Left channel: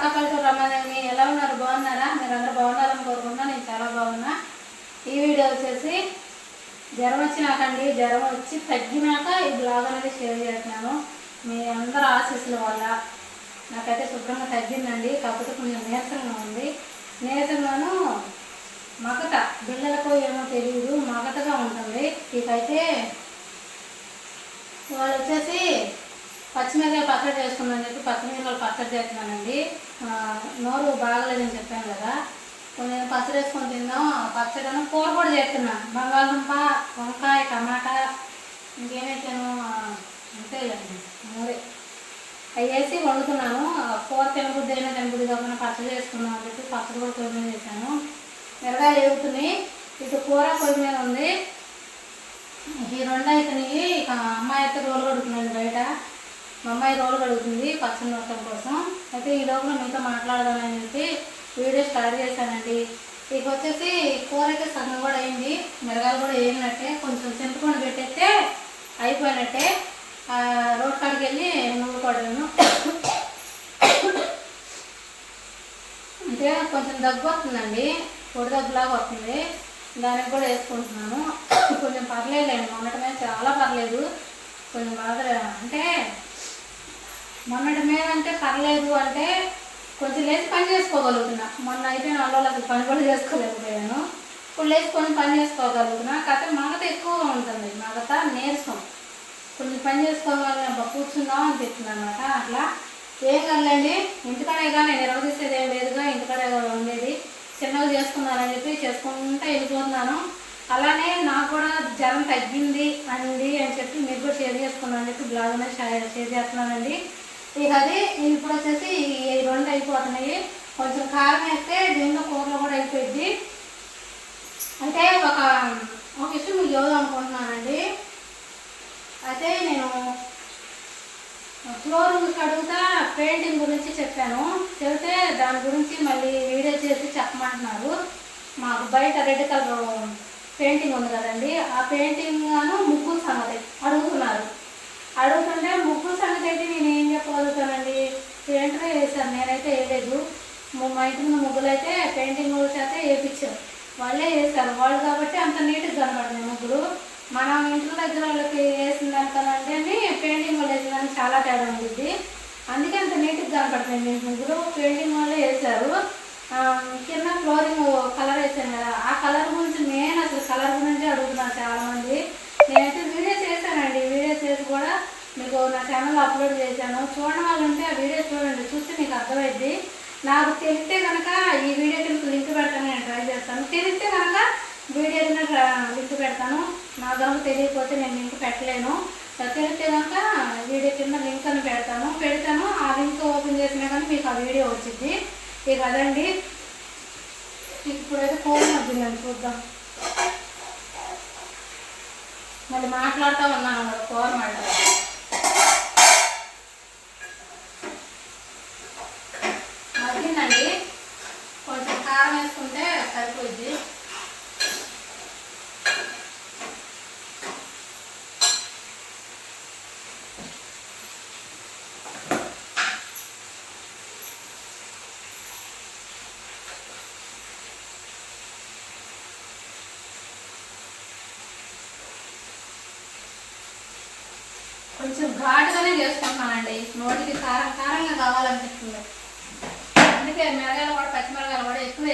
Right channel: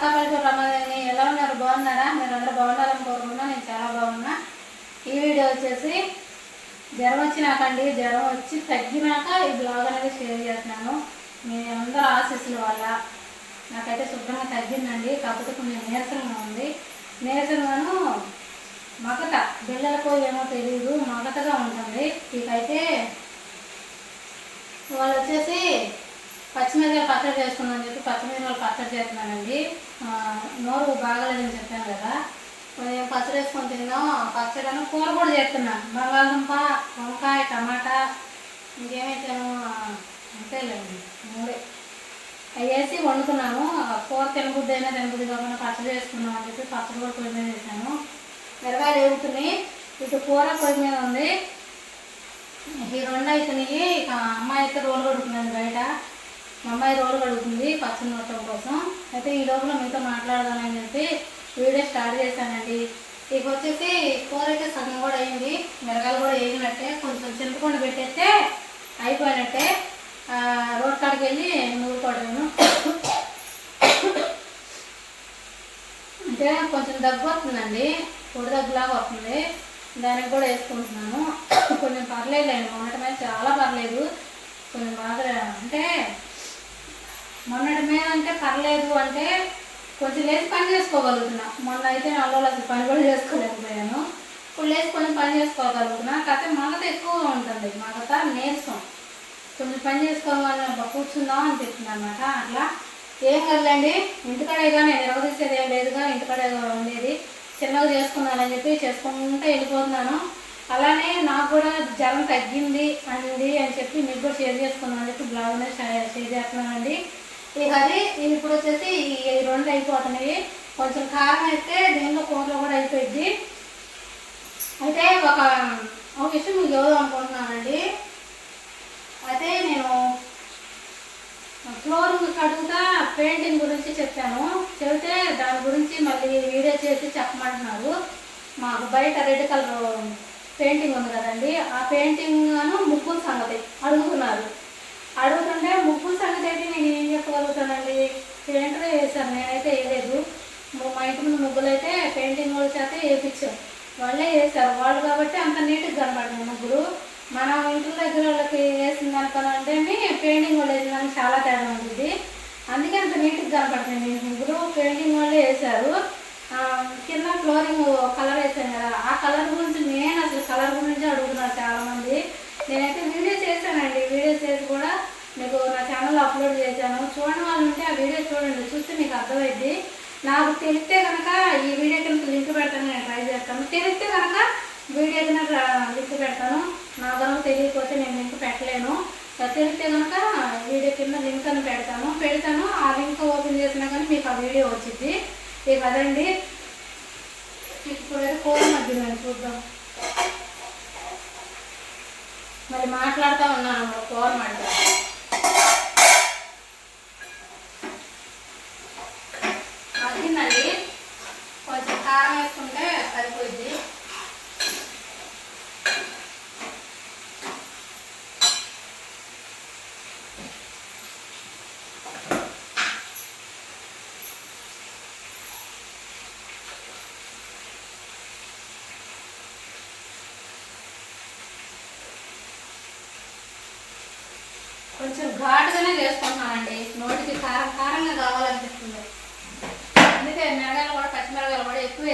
పక్క పల్లెటూరు ఎలా ఉన్నారు? బాగున్నారా? మీరు అందరూ బాగున్నారని కోరుకున్నా నేను చాలా బాగున్నా. ఈ వీడియో వచ్చేసి జ్వరం వచ్చినాకండి. జ్వరం వచ్చి తగ్గినాక ఈ బ్లాగ్ అనేది షేర్ చేస్తున్నాను. మీ అందరూ ఆశీస్సుల వల్ల నాకైతే శుభ్రంగా తగ్గిందండి. కాకపోతే కొంచెం నీరసంగా ఉంది. నీరసంగాను మగత పిల్లలకు ఏమో తెలియదు మగతగా ఉంటుంది. ఇకైతే వాళ్ళు వచ్చేసి పచ్చిమిరకాయ పచ్చడి చేసుకున్నాను చెప్పి పచ్చిమిరకాయలు పచ్చడి చేస్తున్నానండి. నోరు బాగలేదని చెప్పాను కదా. కొంచెం పచ్చడి వేసుకొని తిన్నాం పచ్చడి కూర కూడా చేస్తున్నాను. బంగాళదుంప వంకాయ టమాటా ఇంకేమైతేను అంతేలేండి. మూడే అవి వేసి వండుతున్నాను. కూర తినబుద్ది అయినా తినబుద్ది కాకుండా పచ్చడి చేసుకున్నాను అని చెప్పి పచ్చడి కూడా పొయ్యి మీద చేశాను మిరగాయలు ఎగుతున్నాయి ఇటు కూర పొయ్యి మీద ఉంది. ఈ రెండు అవుతున్నాయి ఇక అమ్మాయి అయితే రోలు కడుగుతుందండి బయట. మా అమ్మాయి రోలు కడుగుతుంది పచ్చడి నూరటం కోసం. అయితే ఈ లోపల మీతో మాట్లాడదామని చెప్పి వీడియో స్టార్ట్ చేశానండి. ఇక వచ్చేసి కూర అయితే సగం కూడా అయింది. మిరగాయలు కూడా వేగినట్టే కొంచెం చింతపండు పెట్టేస్తే అయిపోయినట్టే. రోడ్ కాడికి వెళ్ళి నూరుకోవడము అంటే కొంచెం దగ్గు వస్తుందండి. పొడి దగ్గులాగా వస్తుంది. దానికి కూడా వేసుకుంటున్నాను. కొంచెం పర్లేదులేండి మొన్నటి మీద చాలా పర్లేదు. కొంచెం బాగా అంటే మొన్నటి మీద అంటే పర్లేదు అంటే కొంచెం లేచి పని చేసుకోగలుగుతున్నా. మొన్న అయితే అల్లలో పని కూడా చేసుకోలేకపోయాను. ఇప్పుడు లేచి కొంచెం పని చేసుకోగలుగుతున్నా. కాకపోతే మగత ఎక్కువగా ఉంటుంది మగత నేర్స్తాం కొంచెం పని చేసుకోగలను అబ్బా కూర్చుందాం అని చెప్తున్నాను అనమాట అట్లా ఏం కదలండి. ఇంటికాడేగా నేను నిర్వహించేది ఏం లేదుగా. ఇంటికాడే ఉండేది. చిన్నగా చేసుకున్నానని చెప్పి చేసుకుంటూ వెళ్ళిపోతున్నాను. అలానే నాకు కూడా జ్వరం తగ్గింది అంది అని చెప్పి మీకు కూడా షేర్ చేసుకున్నాను అని చెప్పి బ్లాగ్ షేర్ చేస్తున్నానండి. ఇక అది ఇప్పుడు వచ్చేసి ఈ రెండు అయిపోతున్నాయి. కొంచెం కారం అయితే దీంట్లో కూరలో కూడా అయిపోయింది. అయితే ఒక ఒక విషయం మీకు చదువు అనుకుంటున్నానండి. అయితే నేను ఫ్లోర్ కడుగుతా పెయింటింగ్ గురించి చెప్పాను. చెబితే దాని గురించి మళ్ళీ వీడియో చేసి చెప్పమంటున్నారు. మాకు బయట రెడ్ కలర్ పెయింటింగ్ ఉంది కదండి. ఆ పెయింటింగ్ గాను సంగతి అడుగుతున్నారు. అడుగుతుంటే ముగ్గురు సంగతి అయితే నేను ఏం చెప్పగలుగుతానండి? పెయింటర్ వేసాను నేనైతే వేయలేదు. మా ఇంటి ముందు ముగ్గులు అయితే పెయింటింగ్ వాళ్ళ చేత వేయించాం. వాళ్ళే వేసారు వాళ్ళు కాబట్టి అంత నీట్గా కనబడింది ముగ్గురు మన ఇంటి దగ్గర వాళ్ళకి వేసిన దానికనంటే పెయింటింగ్ వాళ్ళు వేసిన దానికి చాలా తేడా ఉంటుంది అందుకే అంత నీట్గా కనపడుతుంది ముగ్గురు పెయింటింగ్ వాళ్ళే వేశారు. కింద ఫ్లోరింగ్ కలర్ వేసాను కదా. ఆ కలర్ గురించి నేను అసలు కలర్ గురించి అడుగుతున్నాను చాలామంది. నేనైతే వీడియో చేశానండి. వీడియో చేసి కూడా మీకు నా ఛానల్లో అప్లోడ్ చేశాను. చూడడం వాళ్ళు ఉంటే ఆ వీడియో చూడండి. చూస్తే మీకు అర్థమైద్ది. నాకు తెలిస్తే కనుక ఈ వీడియో కింద లింక్ పెడతాను నేను ట్రై చేస్తాను. తెలిస్తే కనుక వీడియో కింద లింక్ పెడతాను. నా కనుక తెలియకపోతే నేను లింక్ పెట్టలేను. తెలిస్తే కనుక వీడియో కింద లింక్ అని పెడతాను. పెడతాను. ఆ లింక్ ఓపెన్ చేసినా కానీ మీకు ఆ వీడియో వచ్చింది ఇక అదండి. ఇప్పుడైతే ఫోన్ మధ్యలో చూద్దాం. మళ్ళీ మాట్లాడుతూ ఉన్నాను అన్నమాట కూర మాట్లాడు మగ్గిందండి. కొంచెం కారం వేసుకుంటే సరిపోద్ది కొంచెం ఘాటుగానే చేసుకుంటున్నానండి నోటికి కారం కారంగా కావాలనిపిస్తుంది అందుకే మిరగాయలు కూడా పచ్చిమిరగాయలు కూడా ఎక్కువ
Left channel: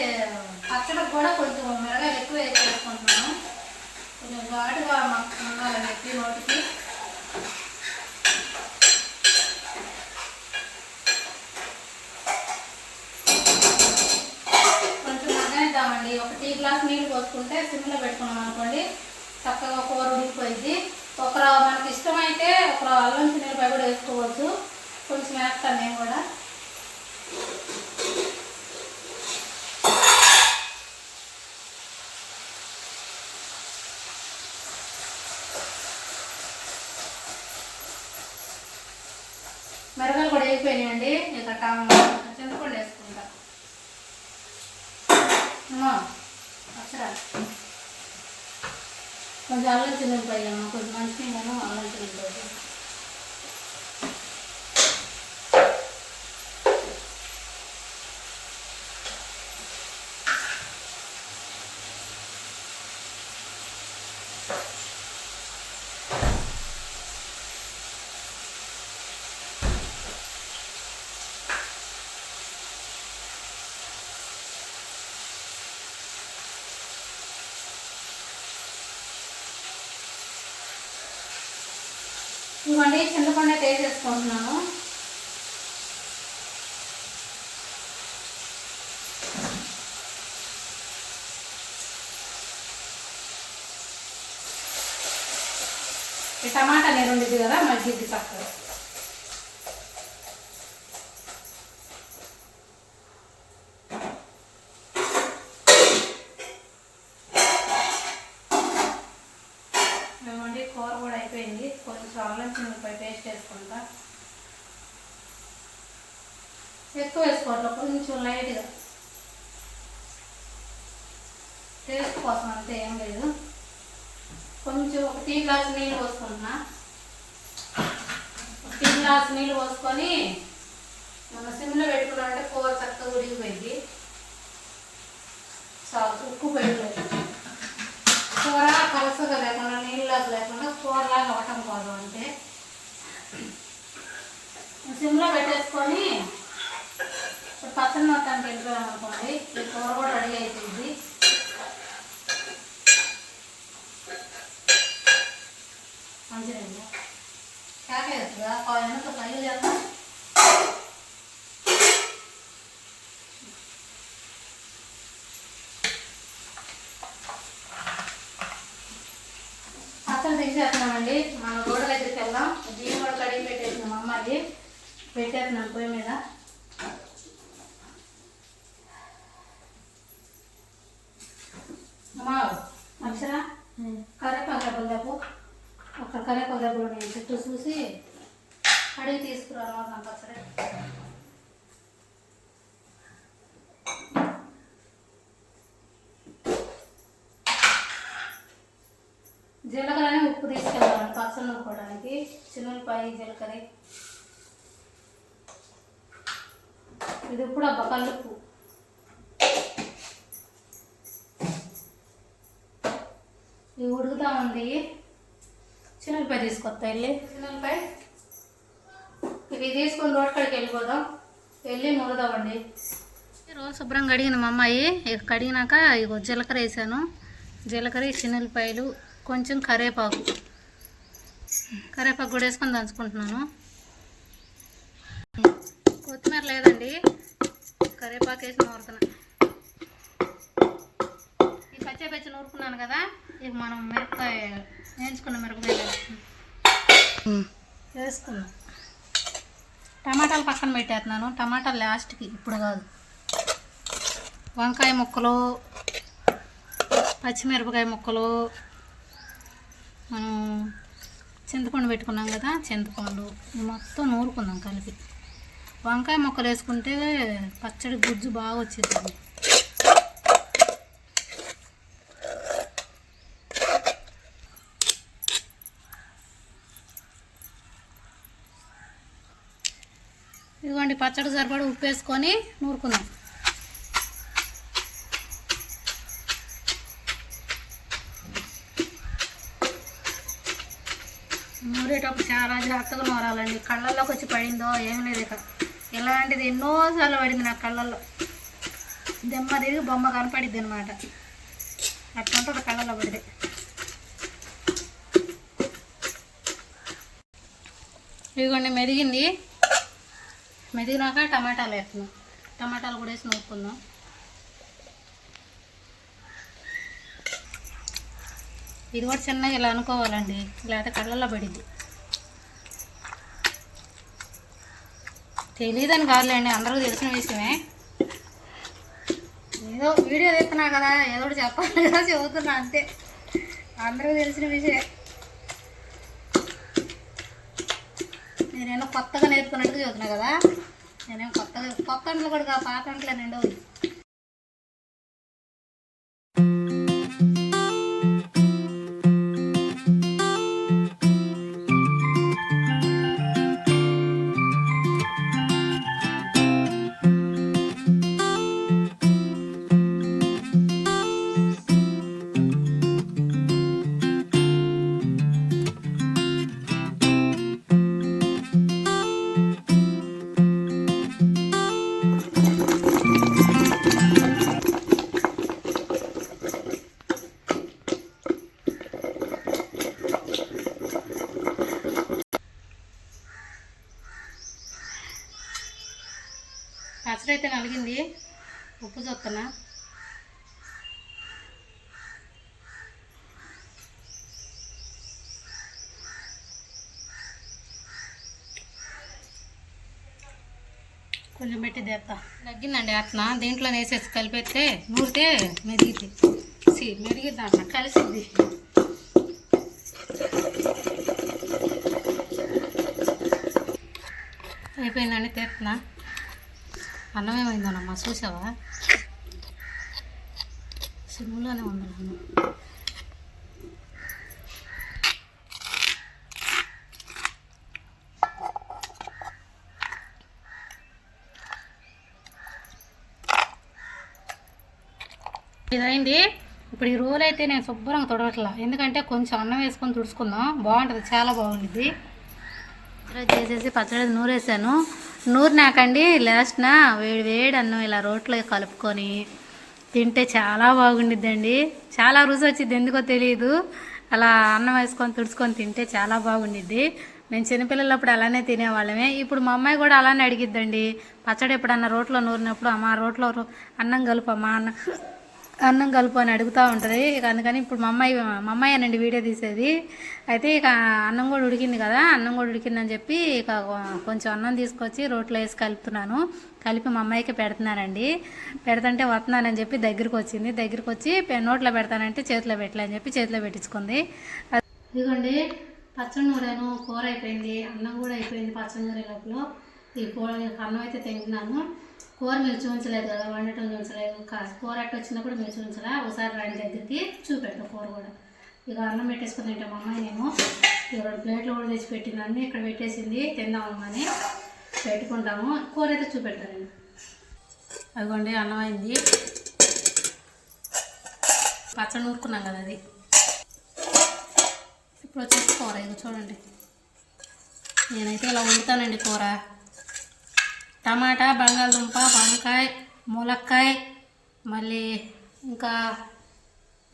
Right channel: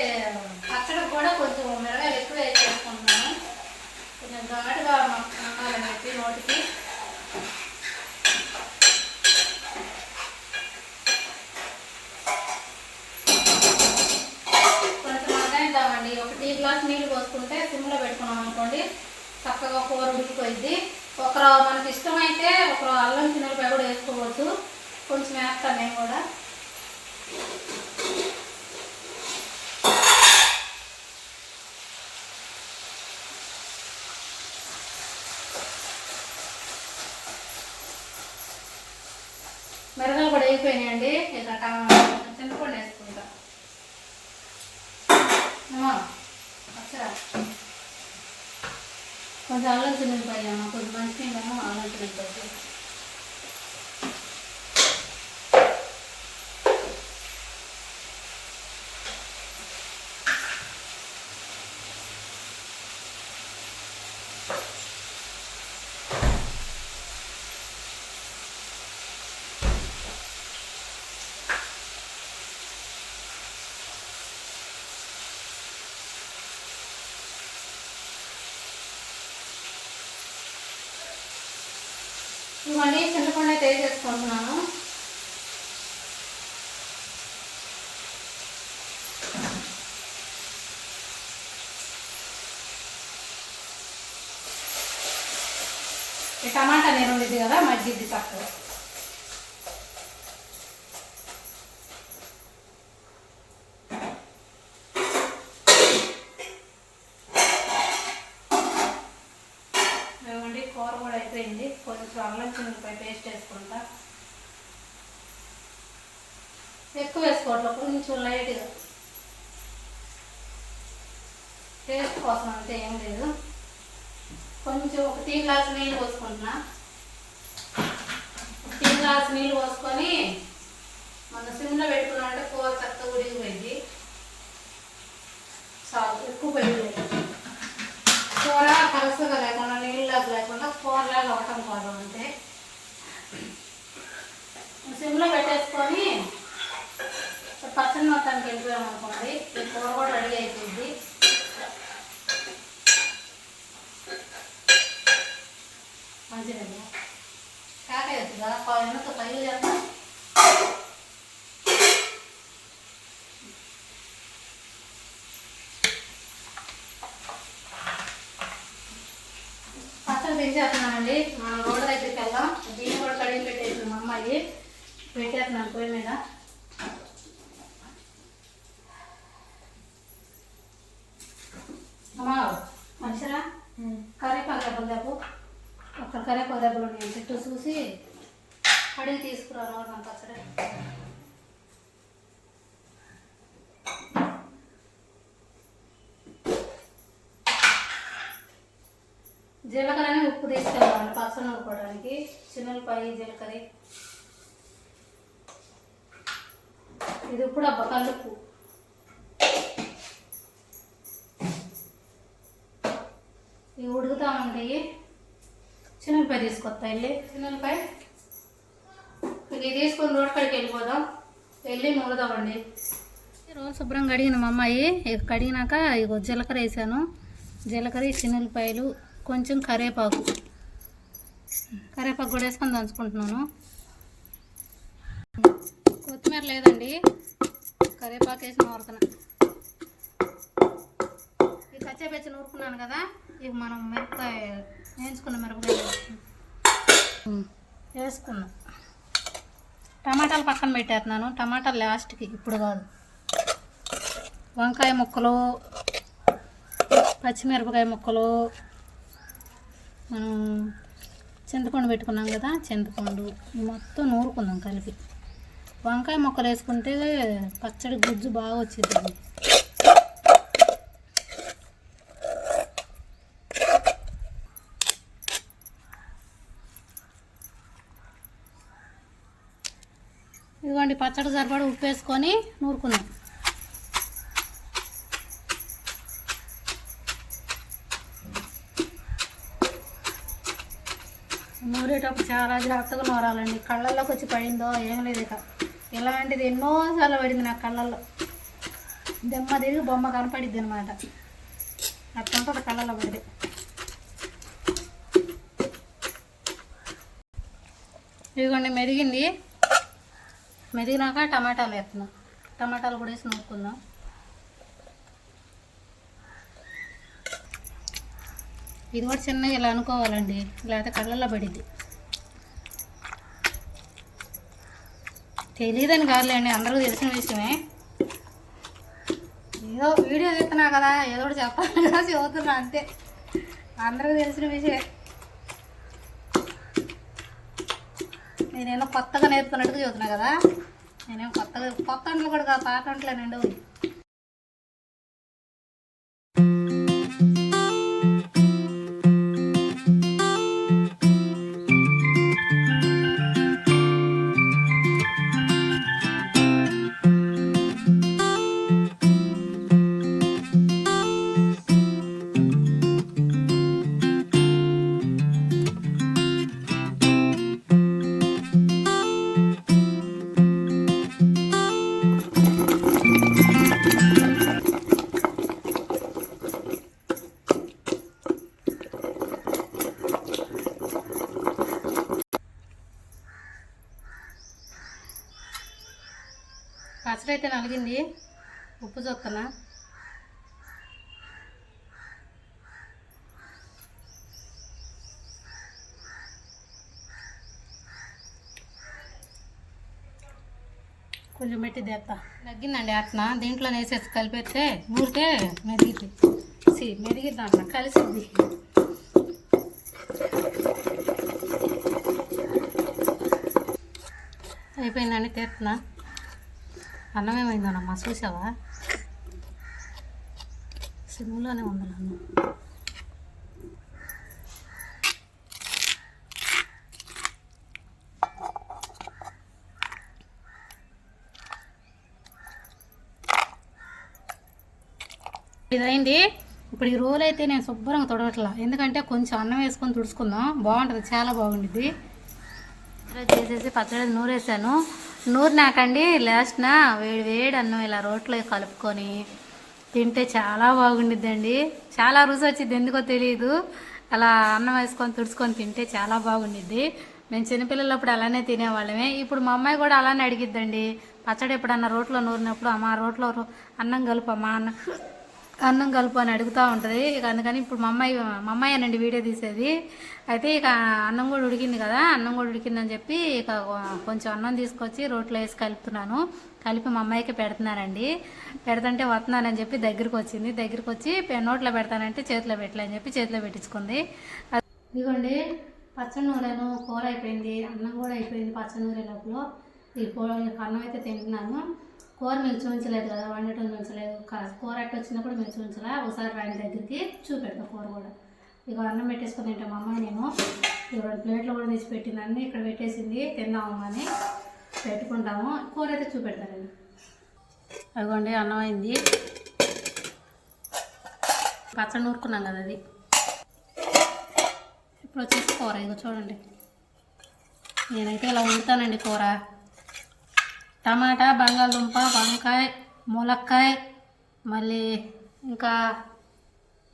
పచ్చడికి కూడా కొంచెం మిరగాయలు ఎక్కువ చేసుకుంటున్నాను కొంచెం ఘాటుగా ఉండాలని చెప్పి నోటికి కొంచెం మగ్గాయిద్దామండి ఒక టీ గ్లాస్ నీళ్ళు పోసుకుంటే సిమ్లో పెట్టుకున్నాం అనుకోండి చక్కగా కూర ఉడికిపోయింది ఒకరు మనకి ఇష్టమైతే ఒకరు అల్లం చిన్నపాయ కూడా వేసుకోవచ్చు కొంచెం వేస్తాను నేను కూడా మిరగాయలు కూడా అయిపోయినాయండి. ఇక టా- చింతపండు వేసుకుంటా అమ్మా అచ్చరా కొంచెం అల్లం చిన్నపాయ అమ్మ కొంచెం మంచిగా అల్లం చిన్నపాయ ఇవ్వండి చింతపండు అయితే వేసేసుకుంటున్నాను టమాటా నేను ఉండేది కదా మజ్జిద్ది పక్కన పప్పు కూడా అయిపోయింది. కొంచెం అల్లం చిన్నపై పేస్ట్ వేసుకుంటా. ఎక్కువ వేసుకోవట్లేదు కొంచెం లైట్గా టేస్ట్ కోసం అంతే ఏం లేదు. కొంచెం ఒక టీ గ్లాస్ నీళ్ళు పోసుకుంటున్నా. ఒక టీ గ్లాస్ నీళ్ళు పోసుకొని మన సిమ్లో పెట్టుకున్నామంటే కూర చక్కగా ఉడికిపోయింది. చాలు ఎక్కువ పోయలేదు కూర కలుసుగా లేకుండా నీళ్ళలాగా లేకుండా కూరలాగా అవటం కోసం అంటే. సిమ్లో పెట్టేసుకొని పచ్చడి మొత్తానికి వెళ్ళిపోయాం అనుకోండి ఈ కూర కూడా రెడీ అయిపోయింది. మంచిదండి. కాకేస్తుందా పది నిమిషం పైలు చేస్తాం పక్కన తీసేస్తున్నానండి మన రోడ్డు దగ్గరికి వెళ్దాం. బియ్యం కూడా కడిగి పెట్టేసింది మా అమ్మాయి. పెట్టేస్తున్నాను పొయ్యి మీద. అమ్మా మనుషరా? కరేపాకు దెబ్బలు దెబ్బ అక్కడ కరేపాకు దెబ్బలు నేను చెట్టు చూసి అడిగి తీసుకురా నాకు పచ్చడి జీలకర్రని ఉప్పు తీసుకెళ్దామండి పచ్చడి నూరుకోవడానికి చిన్నపాయి జీలకర్ర. ఇది ఇప్పుడు అబ్బా కల్లుప్పు ఇవి ఉడుకుతామండి. చిన్నపాయ తీసుకొస్తా వెళ్ళి. చిన్నపాయ ఇవి తీసుకొని రోడ్ కాడికి వెళ్ళిపోదాం. వెళ్ళి నూరుదామండి. రోజు శుభ్రం కడిగిన మా అమ్మాయి. ఇక కడిగినాక ఇగో జీలకర్ర వేసాను. జీలకర్ర చిన్నపాయలు కొంచెం కరేపాకు. కరివేపాకు కూడా వేసుకొని దంచుకుంటున్నాను. కొత్తిమీర లేదండి. కరివేపాకు వేసి నూరుతున్నా ఈ పచ్చిపచ్చి నూరుకున్నాను కదా ఇక మనం మిరపకాయ వేయించుకున్న మిరపకాయ వేసుకున్నాం. టమాటాలు పక్కన పెట్టేస్తున్నాను. టమాటాలు లాస్ట్కి ఇప్పుడు కాదు. వంకాయ ముక్కలు పచ్చిమిరపకాయ ముక్కలు మనం చింతపండు పెట్టుకున్నాం కదా చింతపండు మొత్తం నూరుకుందాం కలిపి. వంకాయ ముక్కలు వేసుకుంటే పచ్చడి గుజ్జు బాగా వచ్చేది ఇదిగోండి పచ్చడి సరిపడా ఉప్పు వేసుకొని నూరుకుందాం నూరేటప్పుడు చాలా జాగ్రత్తగా నూరాలండి కళ్ళల్లోకి వచ్చి పడిందో ఏం లేదు ఇక. ఇలాంటిది ఎన్నోసార్లు పడింది నా కళ్ళల్లో. దెమ్మ తిరిగి బొమ్మ కనపడిద్ది అనమాట అట్లా ఉంటుంది కళ్ళల్లో పడితే ఇదిగోండి మెదిగింది. మెదిగినాక టమాటాలు వేస్తున్నాం. టమాటాలు కూడా వేసి నూరుకుందాం. ఇది కూడా చిన్నగా ఇలా అనుకోవాలండి. లేకపోతే కళ్ళల్లో పడిద్ది. తెలియదని కాదులేండి అందరికీ తెలిసిన విషయమే. ఏదో వీడియో తీస్తున్నా కదా ఏదో ఒకటి చెప్పాలి కదా చెబుతున్నా అంతే. అందరికీ తెలిసిన విషయమే. నేనేమో కొత్తగా నేర్చుకున్నట్టుగా చదువుతున్నా కదా. నేనేం కొత్తగా కొత్త అంటలు కూడా పాత అంటలేనండి. పచ్చడి అయితే నలిగింది. ఉప్పు చొక్కన. కొంచెం పెట్టి తెస్తా నగ్గిందండి అట్న దీంట్లో వేసేసి కలిపేస్తే నూరితే మెరిగిద్ది. సి మెరిగిద్ది అన్న? కలిసిద్ది. అయిపోయిందండి తెస్తున్నా అన్నం ఏమైందోనమ్మా చూసావా? సిమ్లోనే ఉంది అన్నం ఇదైంది. ఇప్పుడు ఈ రోల్ అయితే నేను శుభ్రంగా తొడవట్లా ఎందుకంటే కొంచెం అన్నం వేసుకొని తుడుచుకుందాం. బాగుంటుంది. చాలా బాగుంటుంది చేసేసి పచ్చడి నూరేసాను. నూరినాకండి లాస్ట్న వేడి వేడి అన్నం ఇలా రోట్లో కలుపుకొని తింటే చాలా బాగుండిద్దండి. చాలా రుచి వచ్చింది ఎందుకో తెలియదు అలా అన్నం వేసుకొని తుడుచుకొని తింటే చాలా బాగుండిద్ది. నేను చిన్నపిల్లలప్పుడు అలానే తినేవాళ్ళమే. ఇప్పుడు మా అమ్మాయి కూడా అలానే అడిగిద్దండి. పచ్చడి ఎప్పుడన్నా రోట్లో నూరినప్పుడు అమ్మ రోట్లో రో- అన్నం కలుపమ్మా అన్న అన్నం కలుపు అని అడుగుతూ ఉంటుంది. ఇక అందుకని ఇప్పుడు మా అమ్మాయి మా అమ్మాయి అనండి వీడియో తీసేది. అయితే ఇక అన్నం కూడా ఉడికింది కదా అన్నం కూడా ఉడికిందని చెప్పి ఇక కొంచెం అన్నం తీసుకొచ్చి రోట్లో వేసి కలుపుతున్నాను. కలిపి మా అమ్మాయికి పెడుతున్నానండి. పెడతంటే వస్తున్నానని చెప్పి దగ్గరికి వచ్చింది. దగ్గరికి వచ్చి నోట్లో పెడతానంటే చేతిలో పెట్టలే అని చెప్పి చేతిలో పెట్టించుకుంది. ఇదిగోండి పచ్చడి నూరేను కూర అయిపోయింది. అన్నం కూడా అయిపోయింది పచ్చడి నూరే లోపల. ఈ కూర అన్నం అయితే తింటున్నాను. కూర మీరు చూపించలేదు కదా వండటం చూపించలేదు. కా- కూర అట్ట వచ్చినప్పుడు మీరు చూపించలే? ఒకసారి రాని దగ్గరికి చూపెడతాం కూర కూడా. ఇక అన్నం పెట్టేసుకుని తింటాం మా అమ్మాయి నేను. ఇక ప్లేట్లో ప్లేట్లు కూడా తెచ్చి పెట్టింది అన్నీ ఇక్కడ పెట్టేసింది. తిందాము అని పెట్టుకుంటాము. కూర అయితే చూపెడతాను అదిగోండి అన్నం అయింది. పచ్చడి నూరుకున్నాం కదా అది. ఇప్పుడు వచ్చేసి కూర. ఇదిగో చూడండి. నేనైతే ఇలా వండుతానండి కూర. టమాటా బంగాళదుంప వంకాయ ములక్కాయ మళ్ళీ ఇంకా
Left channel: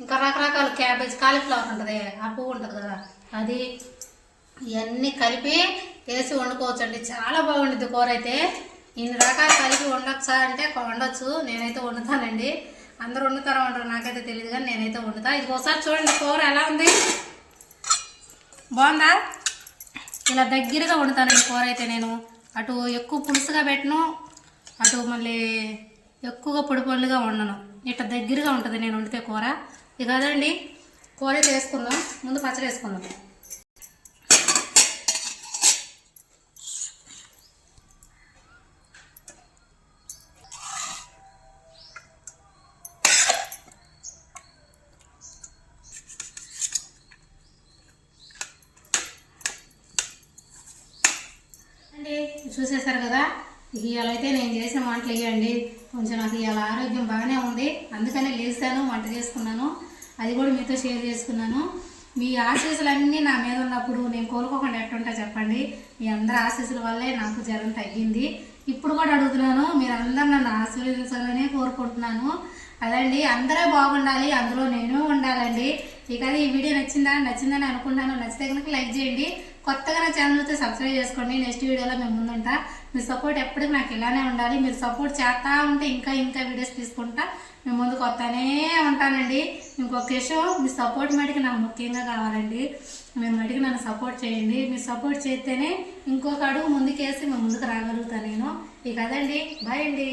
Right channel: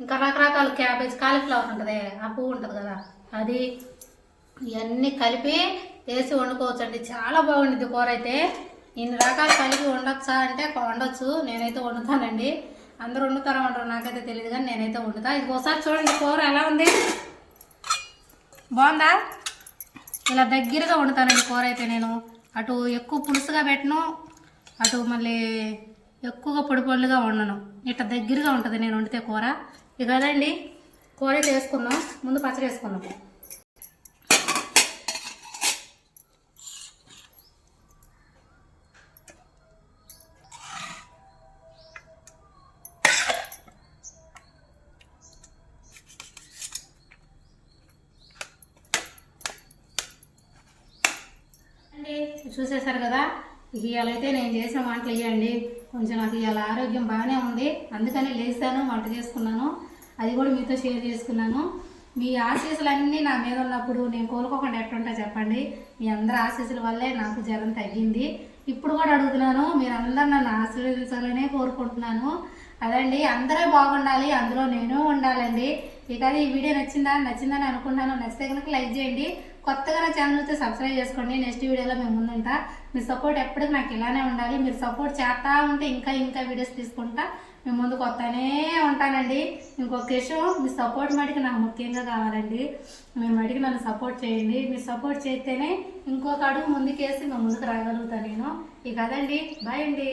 ఇంకా రకరకాల క్యాబేజ్ కాలీఫ్లవర్ ఉంటుంది. ఆ పువ్వు ఉంటుంది కదా. అది ఇవన్నీ కలిపి వేసి వండుకోవచ్చండి. చాలా బాగుండిద్ది కూర అయితే. ఇన్ని రకాలు కలిపి వండొచ్చా అంటే వండొచ్చు. నేనైతే వండుతానండి. అందరూ వండుతారా ఉండరు నాకైతే తెలియదు కానీ నేనైతే వండుతా. ఇంకోసారి చూడండి కూర ఎలా ఉంది. బాగుందా? ఇలా దగ్గరగా వండుతానండి కూర అయితే నేను. అటు ఎక్కువ పులుసుగా పెట్టను అటు మళ్ళీ ఎక్కువగా పొడి పొడిగా వండను. ఇట్లా దగ్గరగా ఉంటుంది నేను వండితే కూర. ఇక కదండి కూర అయితే వేసుకుందాం. ముందు పచ్చడి వేసుకుందాం. చూసేశారు కదా? ఇవాళ అయితే నేను చేసిన వంటలు ఇవ్వండి కొంచెం నాకు ఇవాళ ఆరోగ్యం బాగానే ఉంది. అందుకనే లేచాను వంట చేసుకున్నాను. అది కూడా మీతో షేర్ చేసుకున్నాను. మీ ఆశీస్సులన్నీ నా మీద ఉన్నప్పుడు నేను కోలుకోకుండా ఎట్టుంటా చెప్పండి? మీ అందరి ఆశీస్సుల వల్లే నాకు జ్వరం తగ్గింది. ఇప్పుడు కూడా అడుగుతున్నాను. మీరు అందరు నన్ను ఆశీర్వదించాలనే కోరుకుంటున్నాను. అదండి అందరూ బాగుండాలి అందులో నేను ఉండాలండి. ఇక అది ఈ వీడియో నచ్చిందా? నచ్చిందని అనుకుంటాను నచ్చితే కనుక లైక్ చేయండి. కొత్తగా నా ఛానల్ అయితే సబ్స్క్రైబ్ చేసుకోండి. నెక్స్ట్ వీడియోలో మేము ముందుంటా. మీ సపోర్ట్ ఎప్పటికీ నాకు ఇలానే ఉండాలి. మీరు సపోర్ట్ చేస్తా ఉంటే ఇంకా ఇంకా వీడియోస్ తీసుకుంటా. మేము ముందుకు వస్తానే ఉంటానండి. ఇంకొక విషయం మీ సపోర్ట్ మటుకు నాకు ముఖ్యంగా కావాలండి. మేము మటుకు నన్ను సపోర్ట్ చేయండి. మీరు సపోర్ట్ చేస్తేనే ఇంకొక అడుగు ముందుకేసి మేము ముందుకు రాగలుగుతాను నేను. ఇక కదండి బాయ్ అండి.